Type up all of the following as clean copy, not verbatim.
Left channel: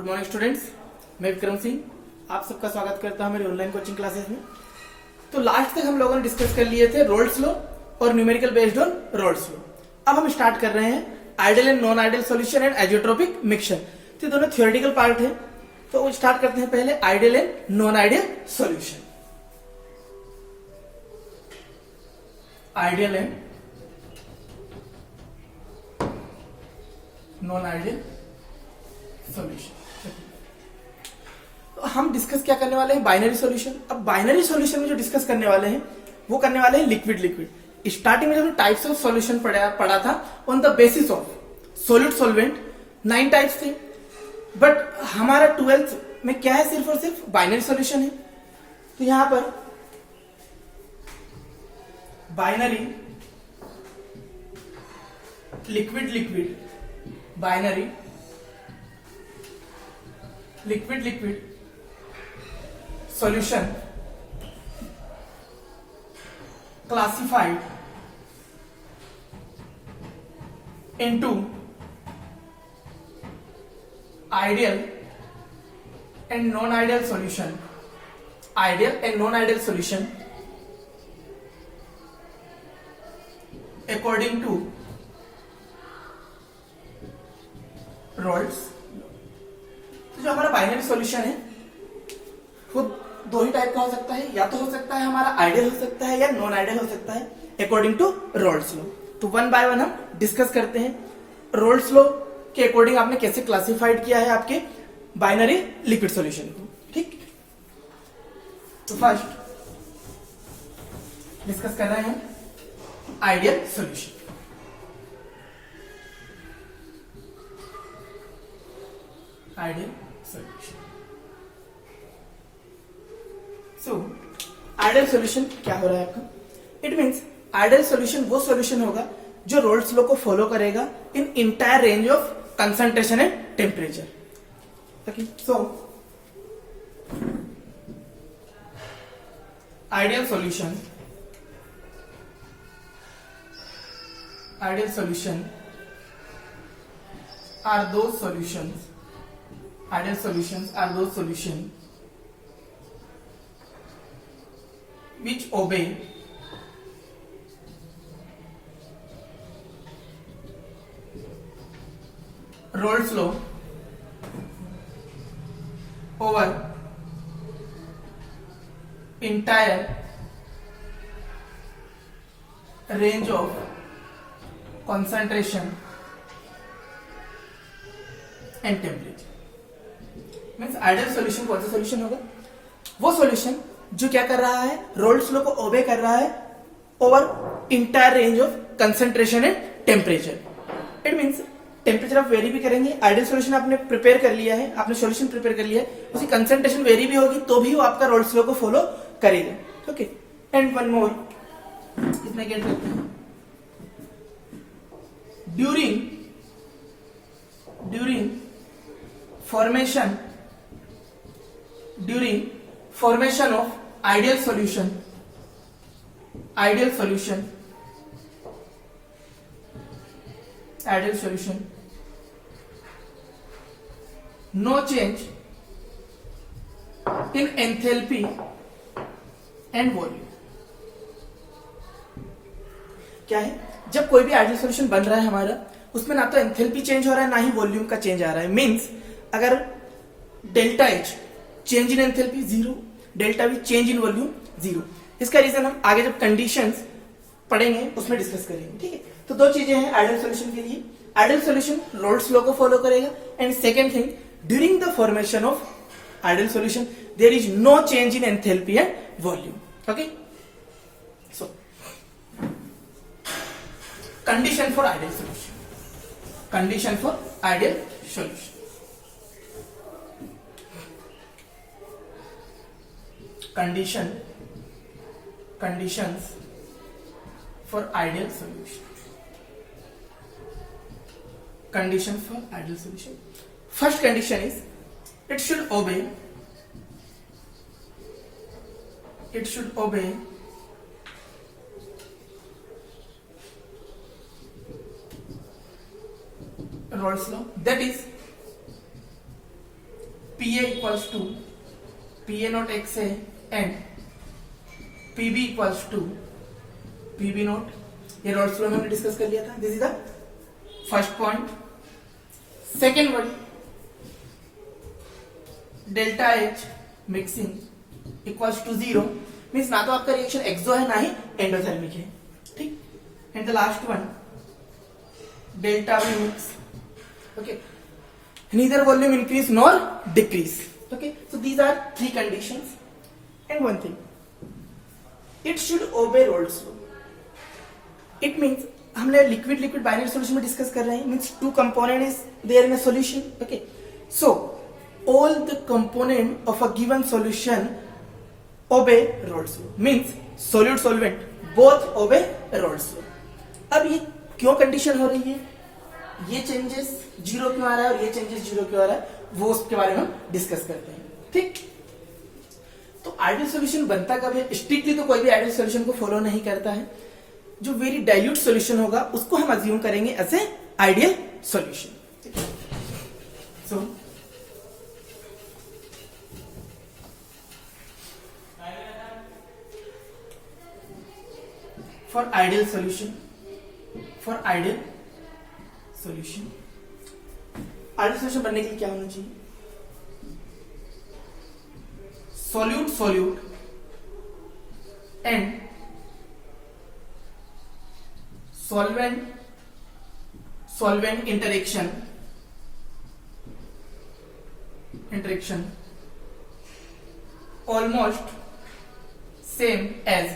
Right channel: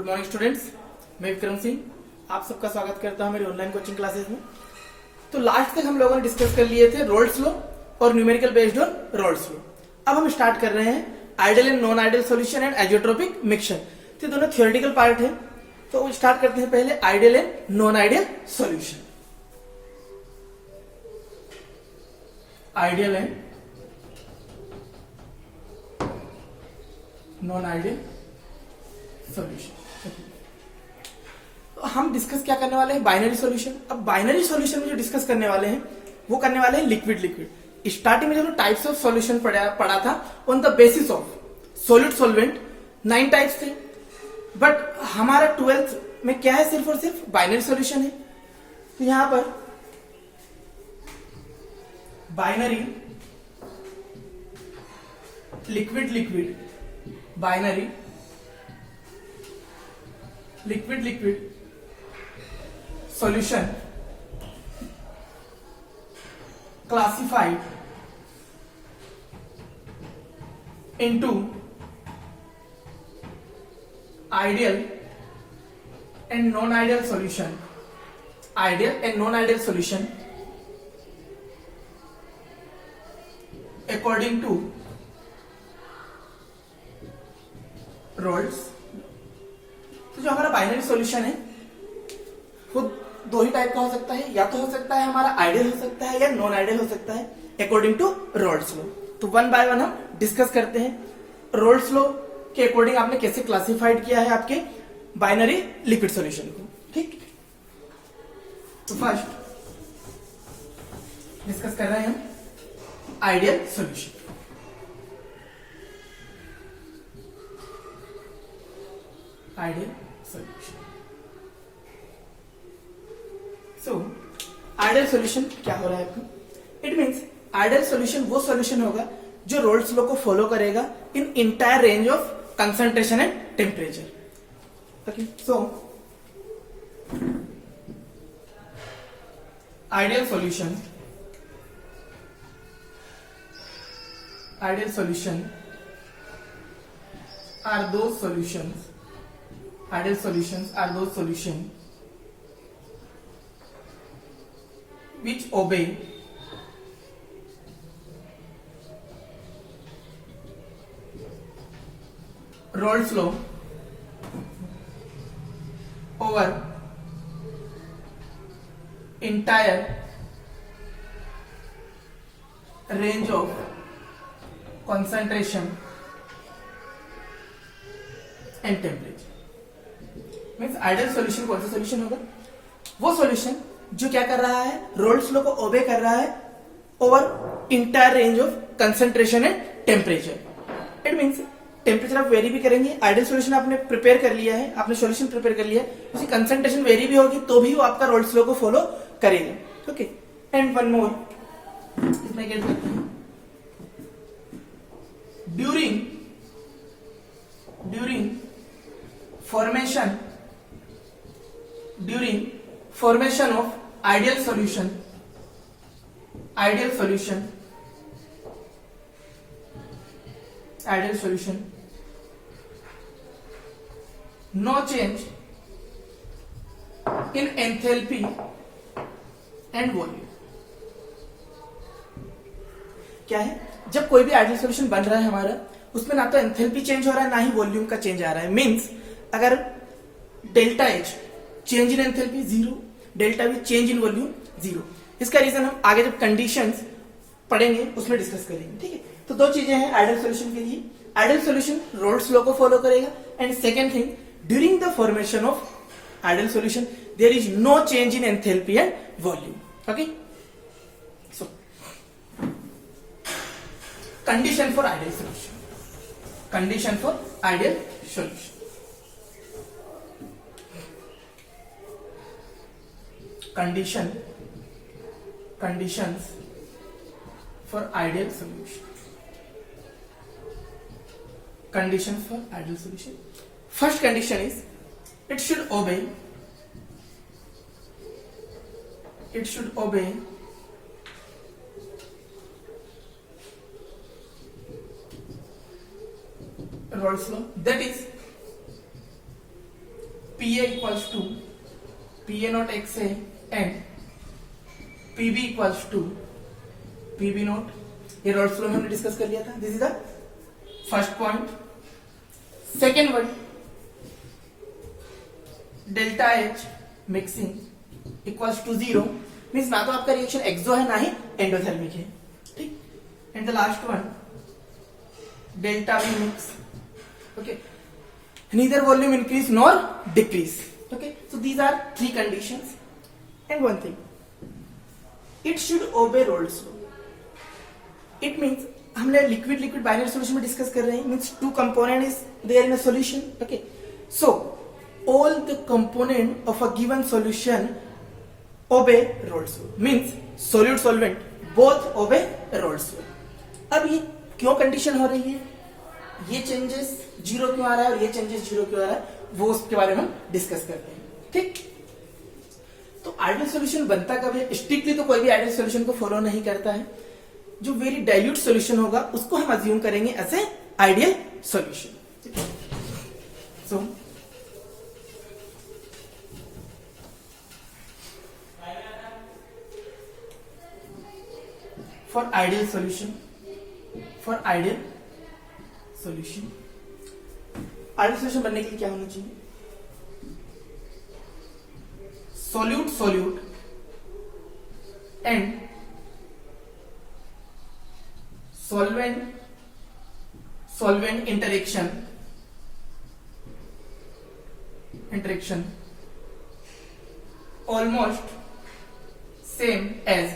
Good morning students, मैं विक्रम सिंह आप सबका स्वागत करता हूं मेरी ऑनलाइन कोचिंग क्लासेस में। तो लास्ट तक हम लोगों ने डिस्कस कर लिए थे रोल्स लॉ और numerical based on Raoult's law. अब हम स्टार्ट कर रहे हैं ideal and non ideal solution and azeotropic mixture. तो दोनों थ्योरेटिकल पार्ट है, तो स्टार्ट करते हैं पहले ideal and non ideal solution. Ideal and non ideal solution. तो हम डिस्कस क्या करने वाले हैं, बाइनरी सॉल्यूशन। अब बाइनरी सॉल्यूशन में जो डिस्कस करने वाले हैं वो करने वाले हैं लिक्विड लिक्विड। स्टार्टिंग में जो टाइप्स ऑफ सॉल्यूशन पढ़ा था on the basis of solid solvent 9 टाइप्स थे, बट हमारा 12th में क्या है, सिर्फ और सिर्फ बाइनरी सॉल्यूशन है। तो यहां पर binary liquid liquid, binary liquid liquid solution classified into ideal and non-ideal solution. Ideal and non-ideal solution according to Rolle's। तो जो हमारा बाइनरी सॉल्यूशन है वो दो ही टाइप का हो सकता है, या तो हो सकता है हमारा आइडियल हो सकता है या नॉन आइडियल हो सकता है अकॉर्डिंग टू रोल्स लॉ। तो वन बाय वन हम डिस्कस करते हैं रोल्स लॉ के अकॉर्डिंग आपने कैसे क्लासिफाइड किया है आपके बाइनरी लिक्विड सॉल्यूशन को। ठीक, तो फर्स्ट डिस्कस कर रहे हैं ideal solution. Ideal solution. So ideal solution क्या हो रहा है आपका, इट मींस आइडियल सॉल्यूशन वो सॉल्यूशन होगा जो रोल्स लॉ को फॉलो करेगा in entire range of concentration and temperature. Okay, so ideal solution are those solutions, ideal solutions are those solutions which obey Rolle's law over entire range of concentration and temperature। Means ideal solution कौन सा सॉल्यूशन होगा, वो सॉल्यूशन जो क्या कर रहा है, roles law को ओबे कर रहा है over entire range of concentration and temperature. It means temperature आप वेरी भी करेंगे, आइडियल सॉल्यूशन आपने प्रिपेयर कर लिया है, आपने सॉल्यूशन प्रिपेयर कर लिया है, उसकी कंसंट्रेशन वेरी भी होगी तो भी वो आपका रोल्स लॉ को फॉलो करेगा। ओके, एंड वन मोर इसमें क्या करते हैं, during formation of ideal solution no change in enthalpy and volume। क्या है, जब कोई भी आइडियल सॉल्यूशन बन रहा है हमारा, उसमें ना तो एंथैल्पी चेंज हो रहा है ना ही वॉल्यूम का चेंज आ रहा है। मींस अगर delta H change in enthalpy 0, delta we change in volume 0। इसका रीजन हम आगे जब कंडीशंस पढ़ेंगे उसमें डिस्कस करेंगे। ठीक है, तो दो चीजें हैं आइडियल सॉल्यूशन के लिए, आइडियल सॉल्यूशन रोल्स लॉ को फॉलो करेगा, and second thing, during the formation of ideal solution there is no change in enthalpy and volume. Okay, so condition for ideal solution, condition for ideal solution. Conditions for ideal solution। Conditions for ideal solution। First condition is it should obey Rolle's law, that is PA equals to PA not XA and PB equals to PB not, ये Raoult's law में हमने discuss कर लिया था. This is the first point. Second one, delta H mixing equals to 0 means ना तो आपका रिएक्शन एक्सो है ना ही एंडोथर्मिक है. ठीक. And the last one, delta we mix. Okay, neither volume increase nor decrease. Okay, so these are three conditions. And one thing, it should obey Rolle's law. It means हमने liquid liquid binary solution में discuss कर रहे हैं. Means two component is there in a solution. Okay, so all the component of a given solution obey Rolle's law. Means solute solvent both obey Rolle's law. अब ये क्यों कंडीशन हो रही है, ये चेंजेस जीरो क्यों आ रहा है और ये चेंजेस जीरो क्यों आ रहा है, वो उसके बारे में हम डिस्कस करते हैं. ठीक. तो आइडियल सॉल्यूशन बनता कब है? स्ट्रिक्टली तो कोई भी आइडियल सॉल्यूशन को फॉलो नहीं करता है. जो वेरी डाइल्यूट सॉल्यूशन होगा उसको हम अज्यूम करेंगे as a ideal solution. So for ideal solution, ideal solution बनने के लिए क्या होना चाहिए? Solute and solvent interaction almost same as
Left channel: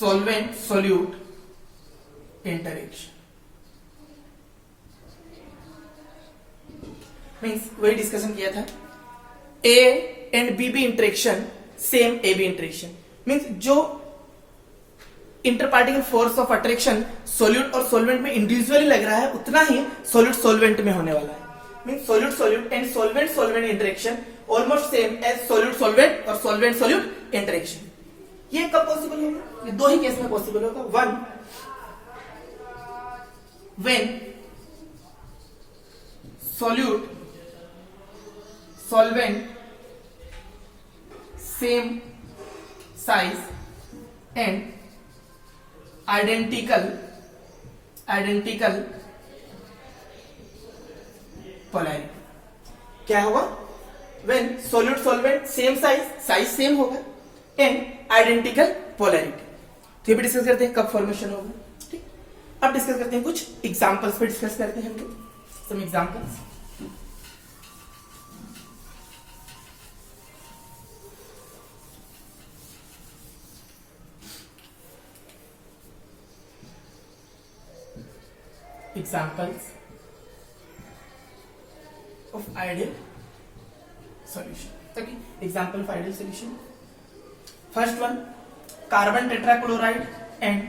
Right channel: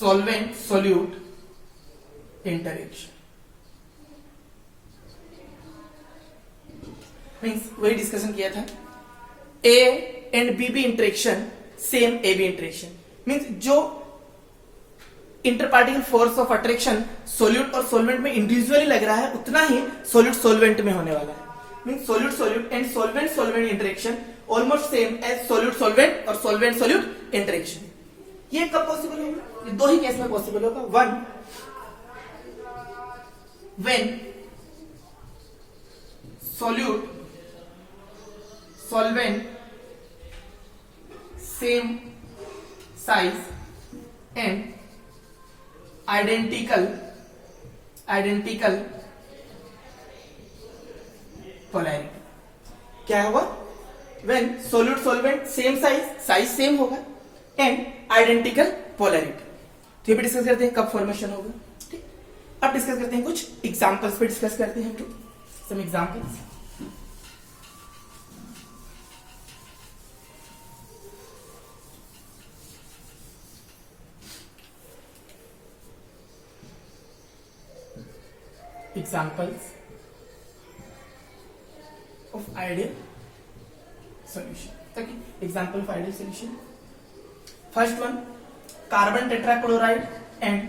solvent solute interaction. Means वही डिस्कशन किया था. A and B interaction same A B interaction. Means जो interparticle force of attraction solute और सोलवेंट में इंडिविजुअली लग रहा है उतना ही सोल्यूट सोलवेंट में होने वाला है. Means solute and solvent interaction almost same as solute solvent और सोलवेंट सोल्यूट इंटरेक्शन. ये कब पॉसिबल होगा? दो ही केस में पॉसिबल होगा. One, when solute solvent same size and identical polarity. क्या होगा? when solute solvent same size same होगा and identical polarity. तो ये भी डिस्कस करते हैं कब फॉर्मेशन होगा. ठीक. अब डिस्कस करते हैं कुछ एग्जांपल्स पे डिस्कस करते हैं हम लोग. Some examples. Examples of ideal solution. Okay, example of ideal solution. First one, carbon tetrachloride and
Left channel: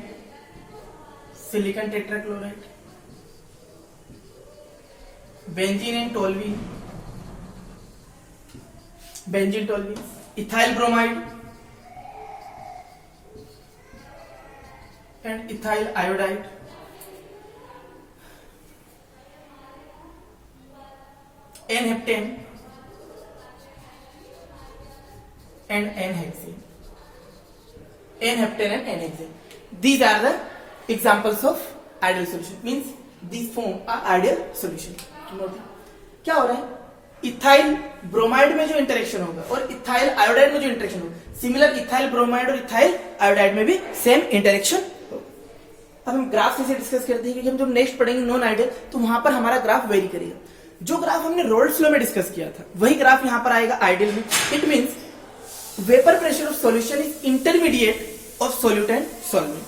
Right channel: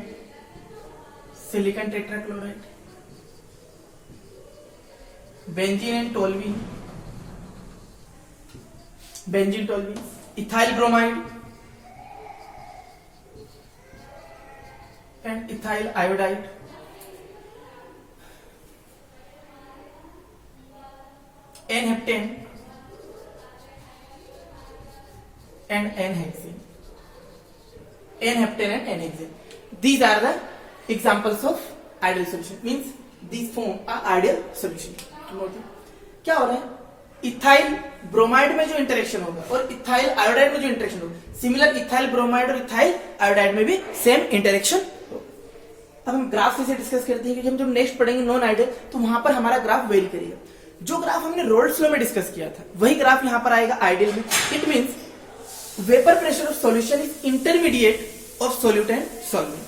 silicon tetrachloride, benzene and toluene, ethyl bromide and ethyl iodide, N-heptane and N-hexane. These are the examples of ideal solution. Means these form are ideal solution. क्या हो रहा है? Ethyl bromide में जो इंटरेक्शन होगा और ethyl iodide में जो इंटरेक्शन होगा, सिमिलर इथाइल ब्रोमाइड और इथाइल आयोडाइड में भी सेम इंटरेक्शन होगा. अब हम ग्राफ कैसे डिस्कस करते हैं कि जब नेक्स्ट पढ़ेंगे नॉन आइडियल तो वहां पर हमारा ग्राफ वेरी करेगा. जो ग्राफ हमने रोल्स लॉ में डिस्कस किया था वही ग्राफ यहां पर आएगा आइडियल में. It means vapour pressure of solution is intermediate of solute and solvent.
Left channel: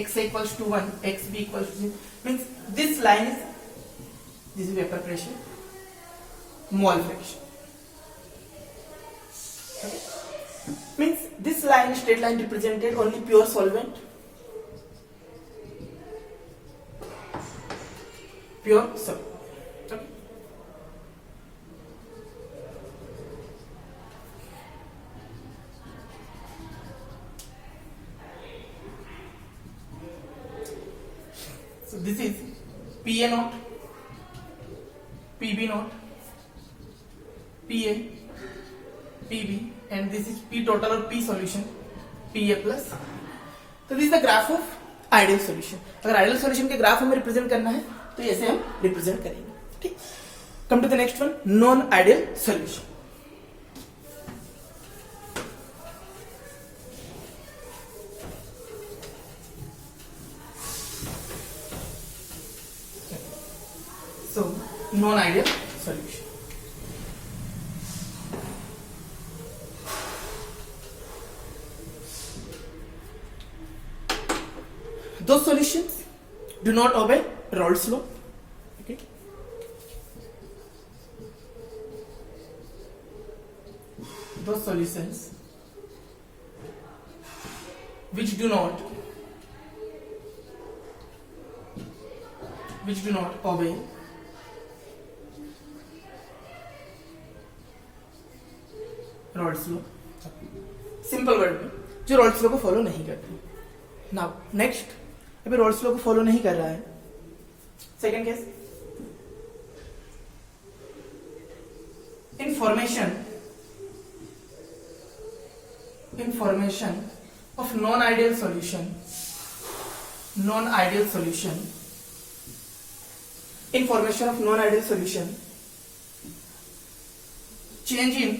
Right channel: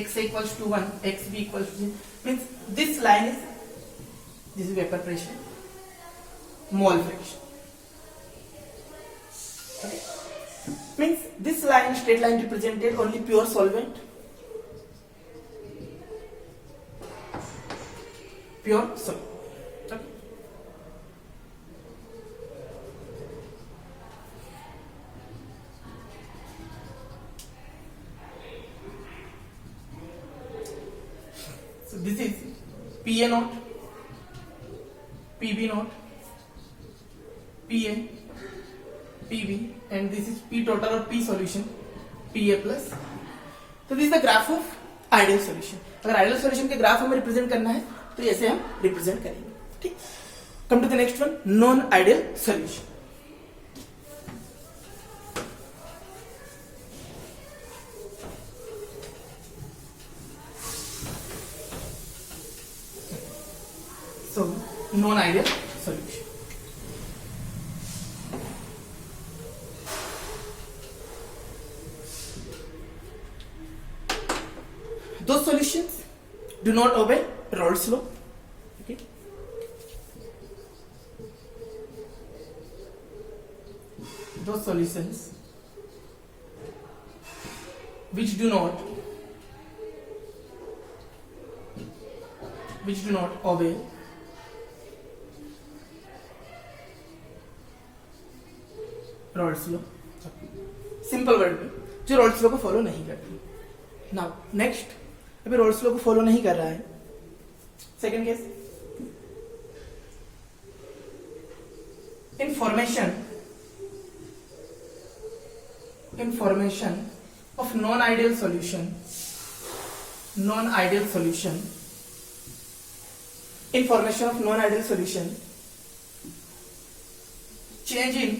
x equals to 1, xb equals to 0. Means this line is, this is vapor pressure, mole fraction. Okay. Means this line, straight line, represented only pure solvent, pure solvent. this is PA naught, PB naught, PA, PB, and this is P total or P solution, PA plus. तो this the graph of ideal solution. अगर ideal solution के graph हमें represent करना है तो ऐसे हम represent करेंगे. ठीक. Come to the next one, non ideal solution. So, non-ideal solution. Those solutions do not obey Raoult's law. Okay. Those solutions which do not obey Raoult's law. Simple word में जो रॉल्ट्स लॉ को फॉलो नहीं करती. नाउ नेक्स्ट, अभी रॉल्ट्स लॉ को फॉलो नहीं कर रहा है. Second case, in formation of non-ideal solution, in formation of non-ideal solution, change in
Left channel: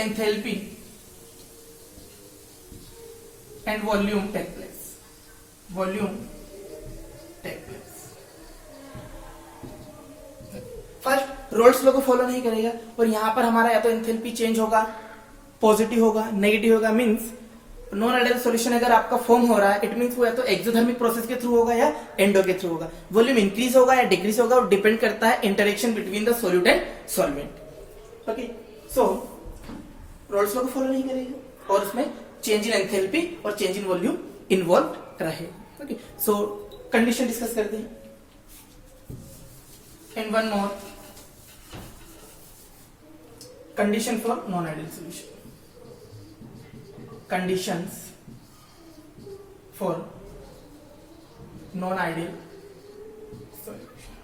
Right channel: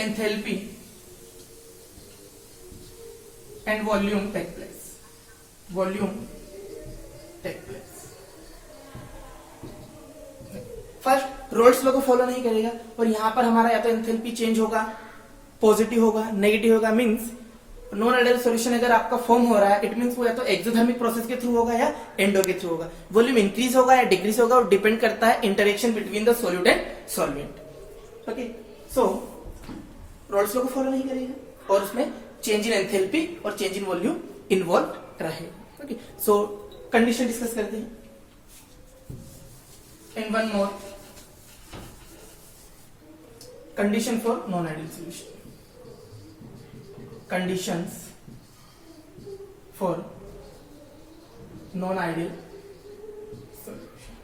enthalpy and volume take place. First roles law को फॉलो नहीं करेगा और यहां पर हमारा या तो एंथैल्पी चेंज होगा, पॉजिटिव होगा, नेगेटिव होगा. मींस नॉन आइडियल सॉल्यूशन अगर आपका फॉर्म हो रहा है, इट मींस वो या तो एक्सोथर्मिक प्रोसेस के थ्रू होगा या एंडो के थ्रू होगा. वॉल्यूम इंक्रीज होगा या डिक्रीज होगा, वो डिपेंड करता है interaction between the solute and solvent. Okay, so Rawls law को फॉलो नहीं करेगा और उसमें चेंज इन एंथैल्पी और चेंज इन वॉल्यूम इन्वॉल्व रहेगा. ओके, सो कंडीशन डिस्कस करते हैं. And one more condition for non ideal solution. Conditions for non-ideal solution.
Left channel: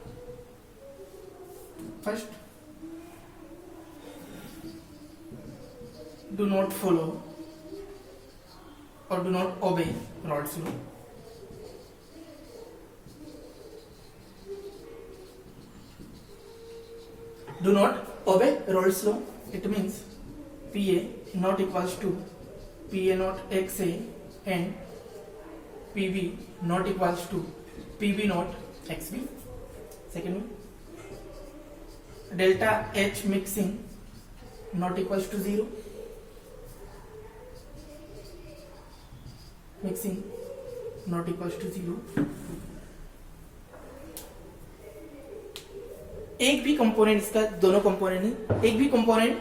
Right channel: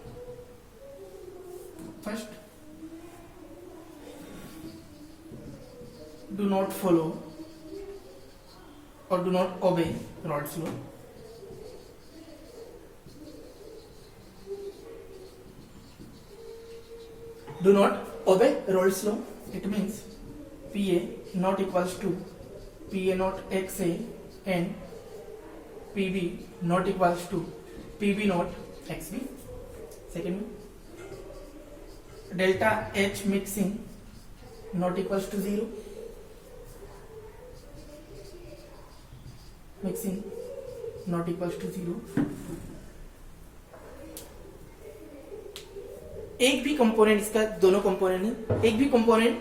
First, do not follow or do not obey Raoult's law. Do not obey Raoult's law. It means PA not equals to PA not XA and PB not equals to PB not XB. Second, delta H mixing not equals to 0. Mixing not equals to 0. एक भी कंपोनेंट, इसका दोनों कंपोनेंट है, एक भी component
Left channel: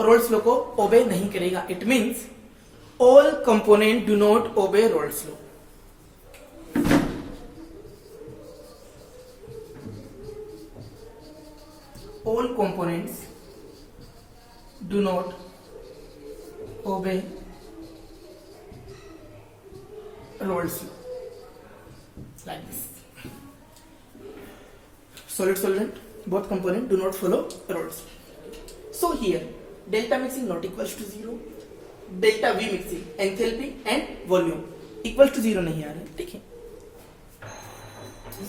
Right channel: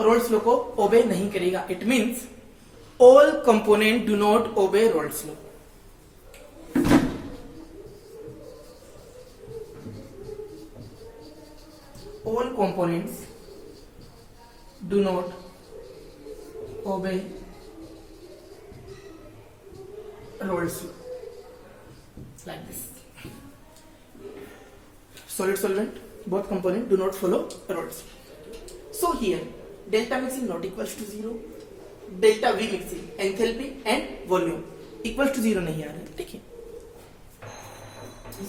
roles law को ओबे नहीं करेगा. It means all components do not obey Raoult's law. All components do not obey Raoult's law. Like this. Solid solvent, both components do not follow Raoult's law. So here, delta mixing not equals to 0. Delta V mixing, enthalpy and volume equal to 0 नहीं आ रहा है. देखिए,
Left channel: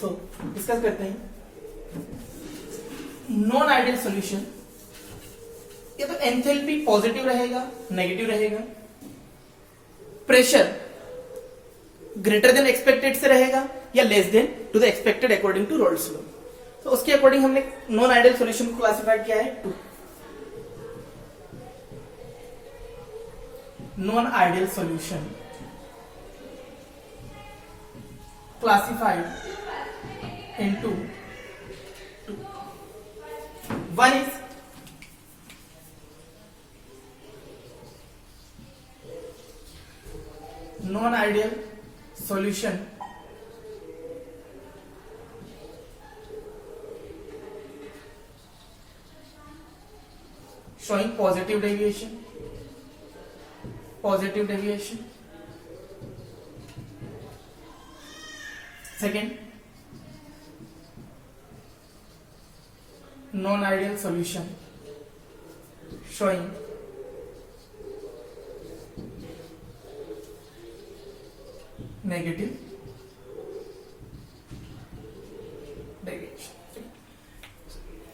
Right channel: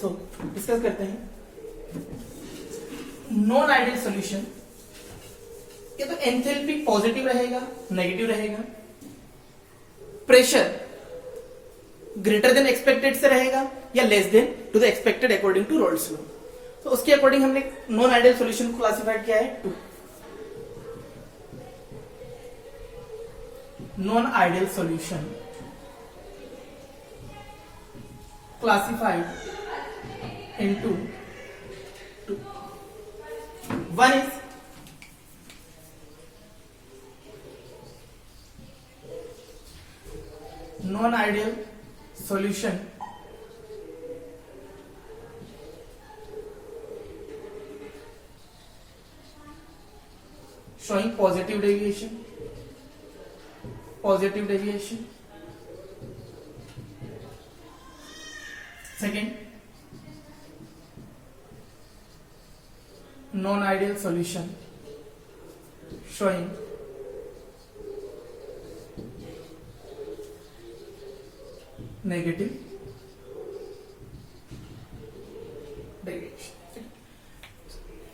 सो डिस्कस करते हैं. Non ideal solution, ये तो enthalpy positive रहेगा, negative रहेगा, प्रेशर ग्रेटर देन एक्सपेक्टेड से रहेगा या less than to the expected according to Raoult's law. तो उसके अकॉर्डिंग हमने नॉन आइडियल सॉल्यूशन को क्लासिफाइड किया है 2. Non-ideal solution classified into 2. One is non-ideal solution showing positive deviation. Second, non-ideal solution showing negative deviation.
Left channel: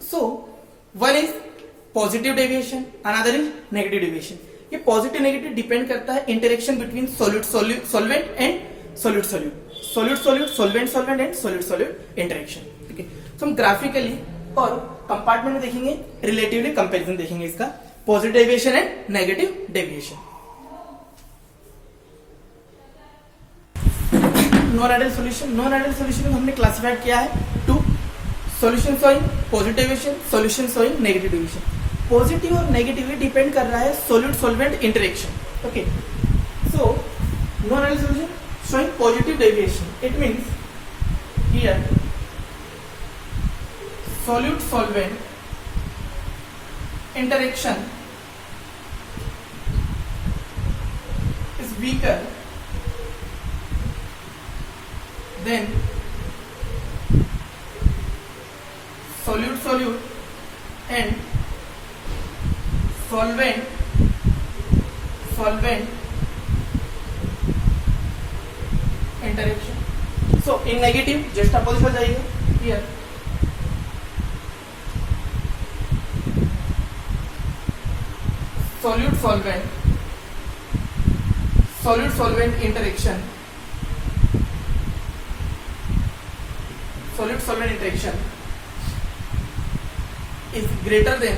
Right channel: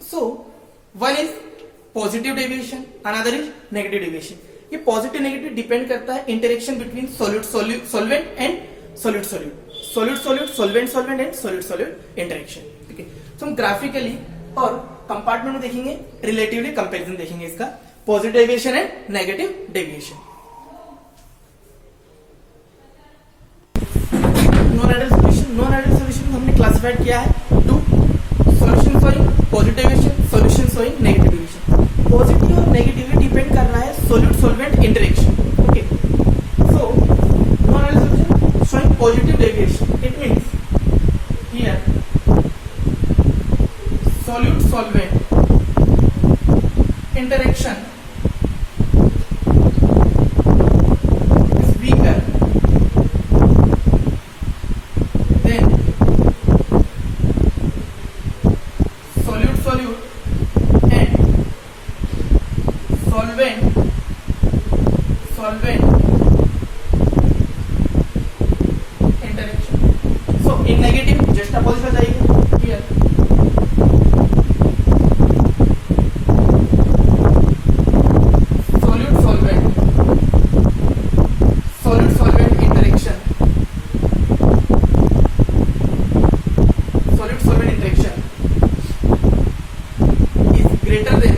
So one is positive deviation, another is negative deviation. ये positive negative depend करता है interaction between solute solvent and solute सोल्वेंट and solute interaction. ठीक है, तो हम ग्राफिकली और कंपार्टमेंट में देखेंगे, रिलेटिवली कंपेरिजन देखेंगे इसका, positive deviation and negative deviation. Non ideal solution हमने क्लासिफाइड किया है two solution showing positive deviation, solution showing negative deviation. Positive और नेगेटिव डिपेंड कर रहा है solute solvent interaction. Okay, so non ideal solution showing positive deviation, it means here solute solvent interaction is weaker than solute and solvent interaction. So in negative just opposite हो जाएगा here. solute-solvent interaction is greater than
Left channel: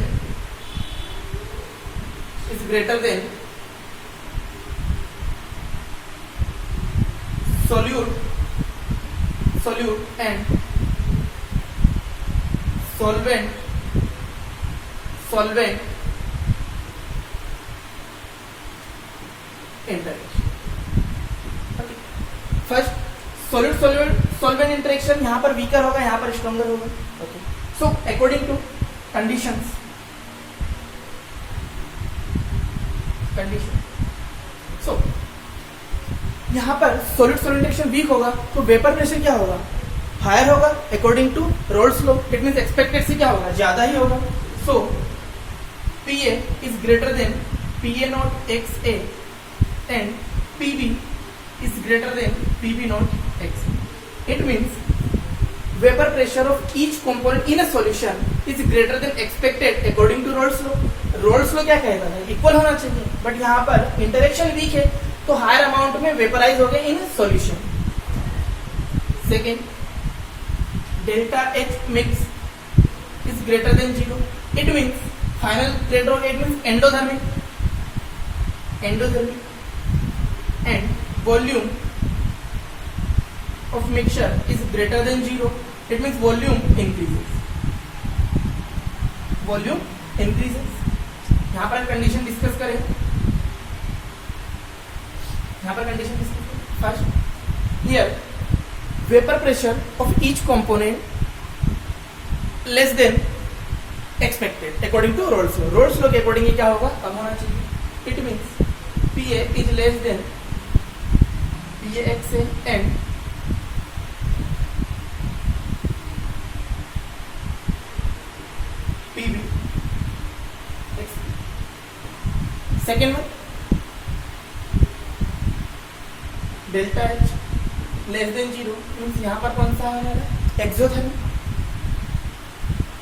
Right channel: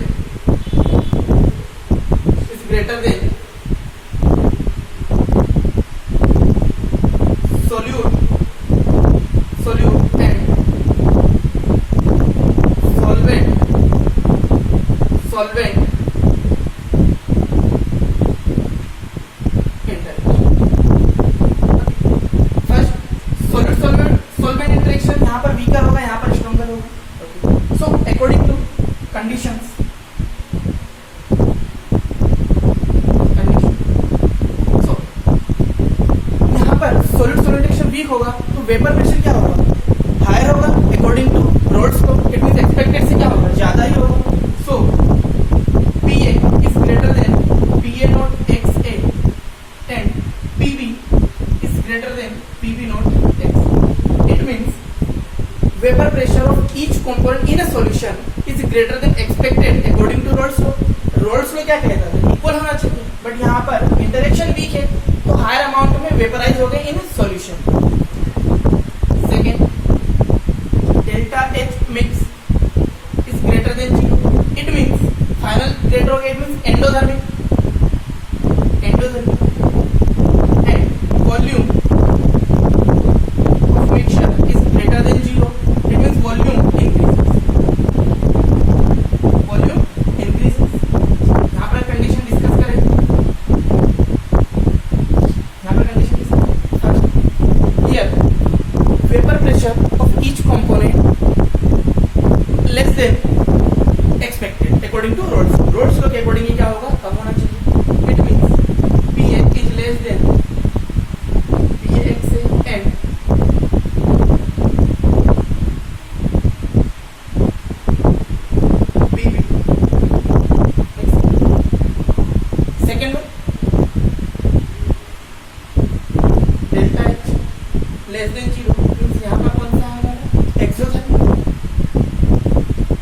solute and solvent solvent interaction यहां पर weaker होगा, यहां पर stronger होगा. Okay, so according to condition so यहां पर सॉल्वेंट इंटरेक्शन वीक होगा तो वेपर प्रेशर क्या होगा, हायर होगा according to Raoult's law. It means expected से क्या होगा, ज्यादा ही होगा. So PA is greater than PA naught X A and PB is greater than PV naught X. It means vapor pressure of each component in a solution is greater than expected according to Rolle's law. Rolle's law क्या कहता है, इक्वल होना चाहिए, बट यहाँ पर interaction week है तो higher amount में वेपराइज हो गया in solution. Second, delta H mix is greater than 0. It means final rate of it means endothermic and volume of mixture is greater than 0. It means volume increases. यहाँ पर condition discuss करें. First, here vapor pressure of each component less than expected according to Rolle's law. Rolle's law के अकॉर्डिंग क्या होगा, कम होना चाहिए. It means PA is less than PAXA and PB. Second one, delta H less than 0 means यहाँ पर कौन सा है हमारा exothermic.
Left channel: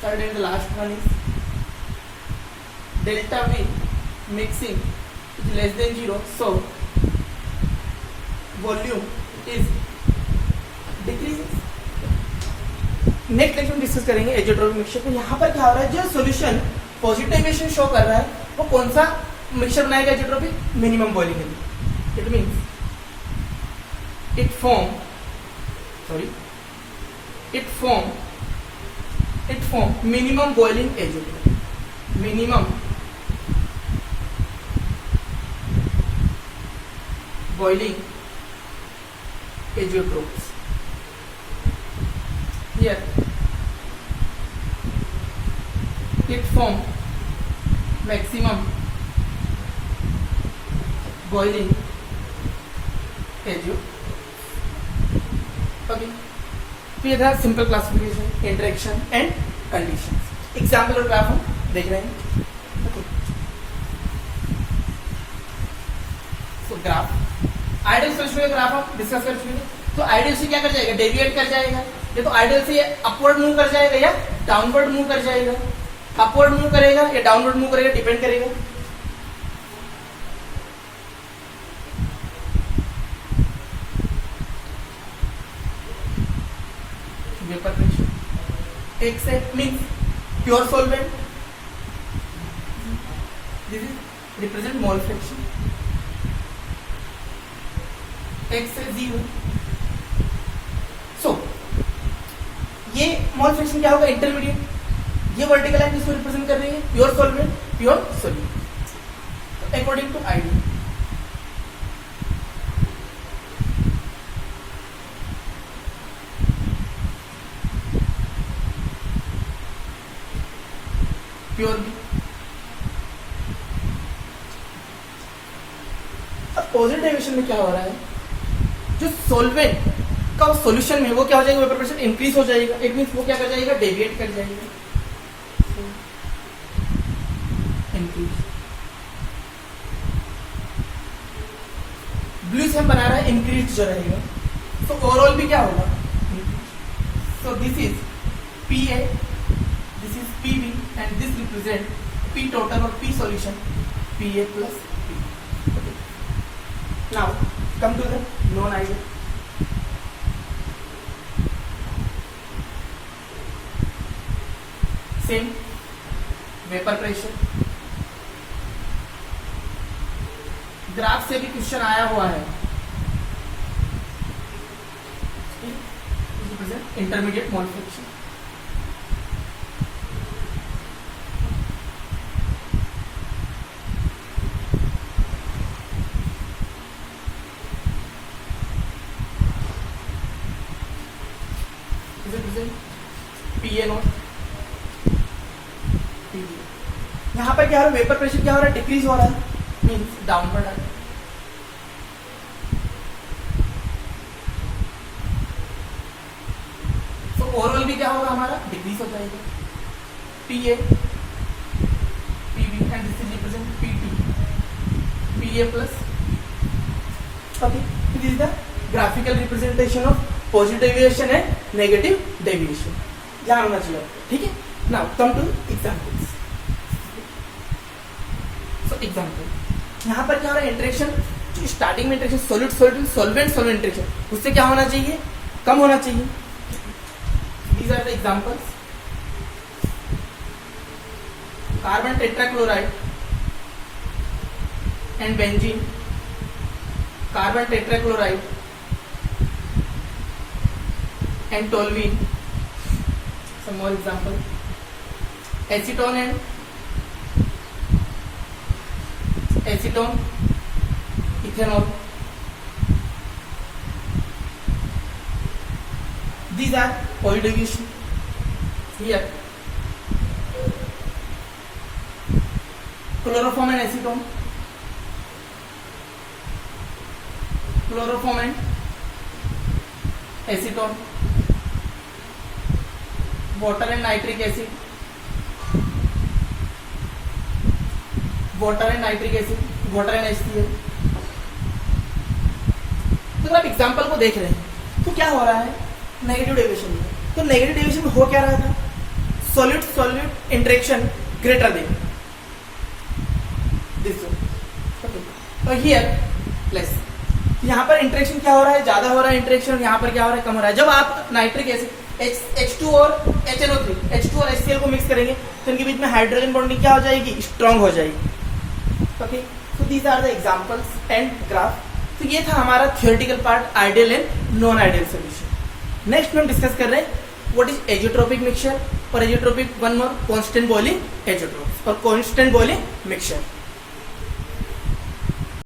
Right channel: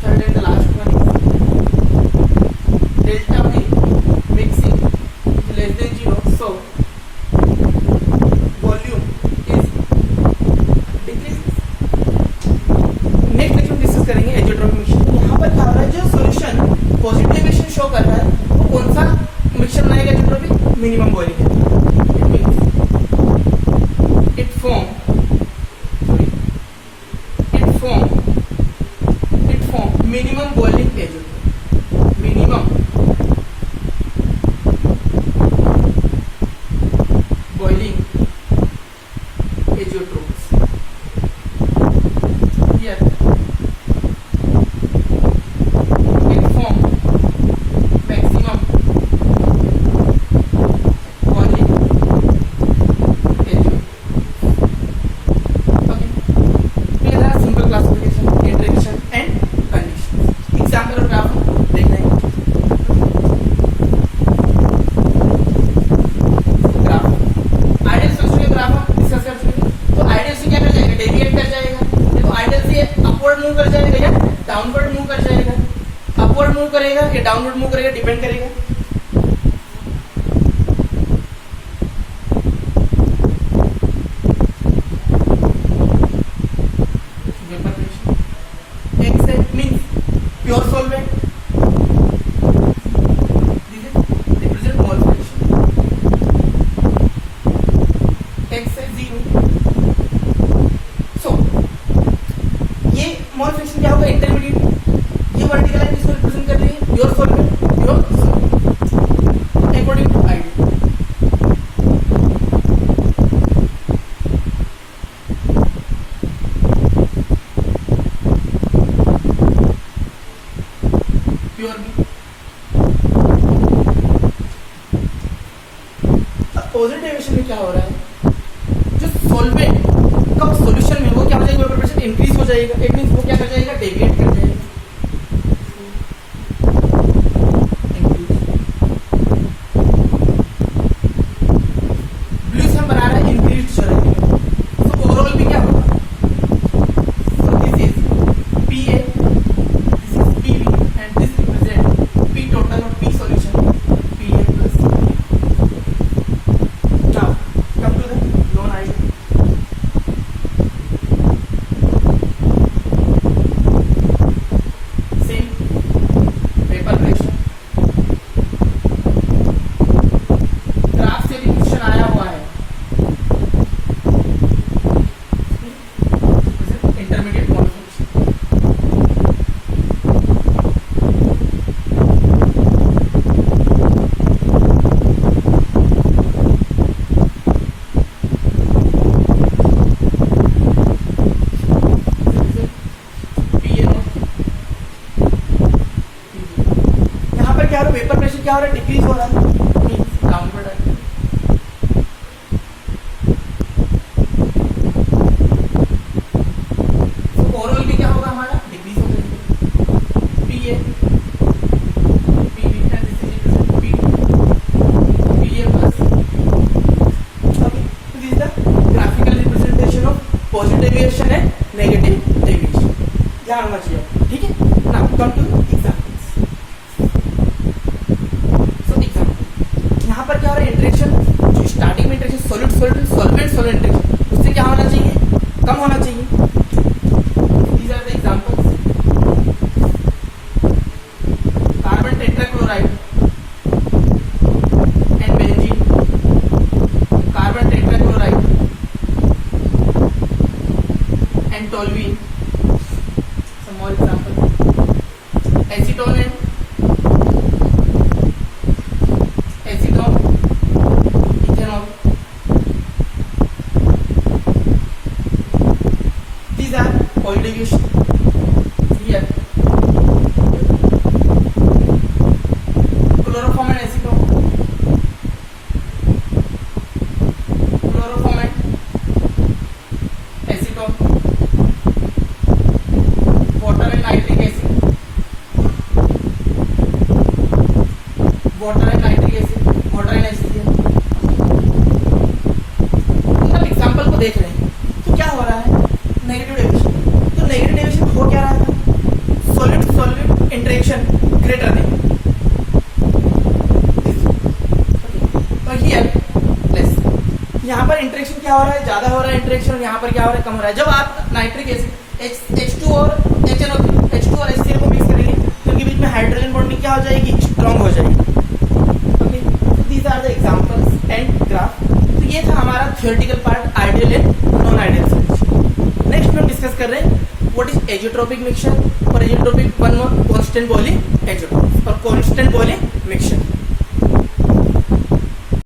Third and last one delta V mixing is less than 0, so volume is decreasing. Next lecture discuss करेंगे azeotropic mixture. यहाँ पर क्या हो रहा है, जो सॉल्यूशन पॉजिटिव डेविएशन शो कर रहा है वो कौन सा मिक्सचर बनाएगा azeotropic, minimum boiling. It means it form minimum boiling azeotrope. Minimum boiling azeotropes. Here it form maximum boiling azeotrope. Okay. chemical classification, interaction and conditions. Example और ग्राफ हम देख रहे हैं. ग्राफ आइडियल सोल्यूशन का ग्राफ हम डिस्कस कर चुके हैं. तो आइडियल से क्या कर जाएगा, डेविएट कर जाएगा. ये तो आइडियल से अपवर्ड मूव कर जाएगा या डाउनवर्ड मूव कर जाएगा. अपवर्ड मूव करेगा या डाउनवर्ड मूव करेगा, डिपेंड करेगा. Means pure solvent. This is represent mole fraction. X is 0. So ये mole fraction क्या होगा, इंटरमीडिएट. ये वर्टिकल लाइन इसको रिप्रेजेंट कर रही है pure solvent, pure solvent according to ideal. Positive deviation में क्या हो रहा है, जो सॉल्वेंट का सॉल्यूशन में वो क्या हो जाएगा, वेपर प्रेशर इंक्रीज हो जाएगा. इट मींस वो क्या कर जाएगा, डेविएट कर जाएगा. ब्लू से हम बना रहे हैं इंक्रीज हो जाएगा. तो ओवरऑल भी क्या होगा, so this is PA, this is PB and this represent P total or P solution, PA plus. Now come to the known ideal. Same paper pressure. Graph से भी क्वेश्चन आया हुआ है. Intermediate mall fraction. यहाँ पर क्या हो रहा है, वेपर प्रेशर क्या हो रहा है, डिक्रीज हो रहा है, डाउनवर्ड है. तो ओवरऑल भी क्या होगा, हमारा डिक्रीज हो जाएगा. PA, PB and this is represent PT, PA plus. Okay, this is the graphical representation of positive deviation and negative deviation. ध्यान होना चाहिए, ठीक है. Now come to examples. यहाँ पर क्या हो रहा है, इंटरेक्शन स्टार्टिंग में interaction solid solvent solvent solvent interaction उससे क्या होना चाहिए, कम होना चाहिए. These are the examples. Carbon tetrachloride and benzene, carbon tetrachloride and toluene. Some more example. Acetone and acetone, ethanol. These are oil deviation. Here, chloroform and acetone, chloroform and acetone, water and nitric acid, water and nitric acid, water and HCl. तो आप एग्जाम्पल को देख रहे हैं तो क्या हो रहा है, नेगेटिव डेविएशन. तो नेगेटिव डेविएशन हो क्या रहा था, solid solvent interaction greater than this. और हियर प्लस. यहाँ पर इंटरेक्शन क्या हो रहा है, ज्यादा हो रहा है इंटरेक्शन, यहाँ पर क्या हो रहा है, कम हो रहा है. जब आप नाइट्रिक एसिड H2 और HNO3 H2 और HCl को मिक्स करेंगे तो इनके बीच में हाइड्रोजन बॉन्डिंग क्या हो जाएगी, स्ट्रांग हो जाएगी. Okay, so these are the examples and graph. तो ये था हमारा theoretical part, ideal and non ideal solution. Next में हम डिस्कस कर रहे हैं व्हाट इज एजोट्रोपिक मिक्सचर और azeotropic one more constant boiling azeotropic और कांस्टेंट बॉइलिंग मिक्सचर.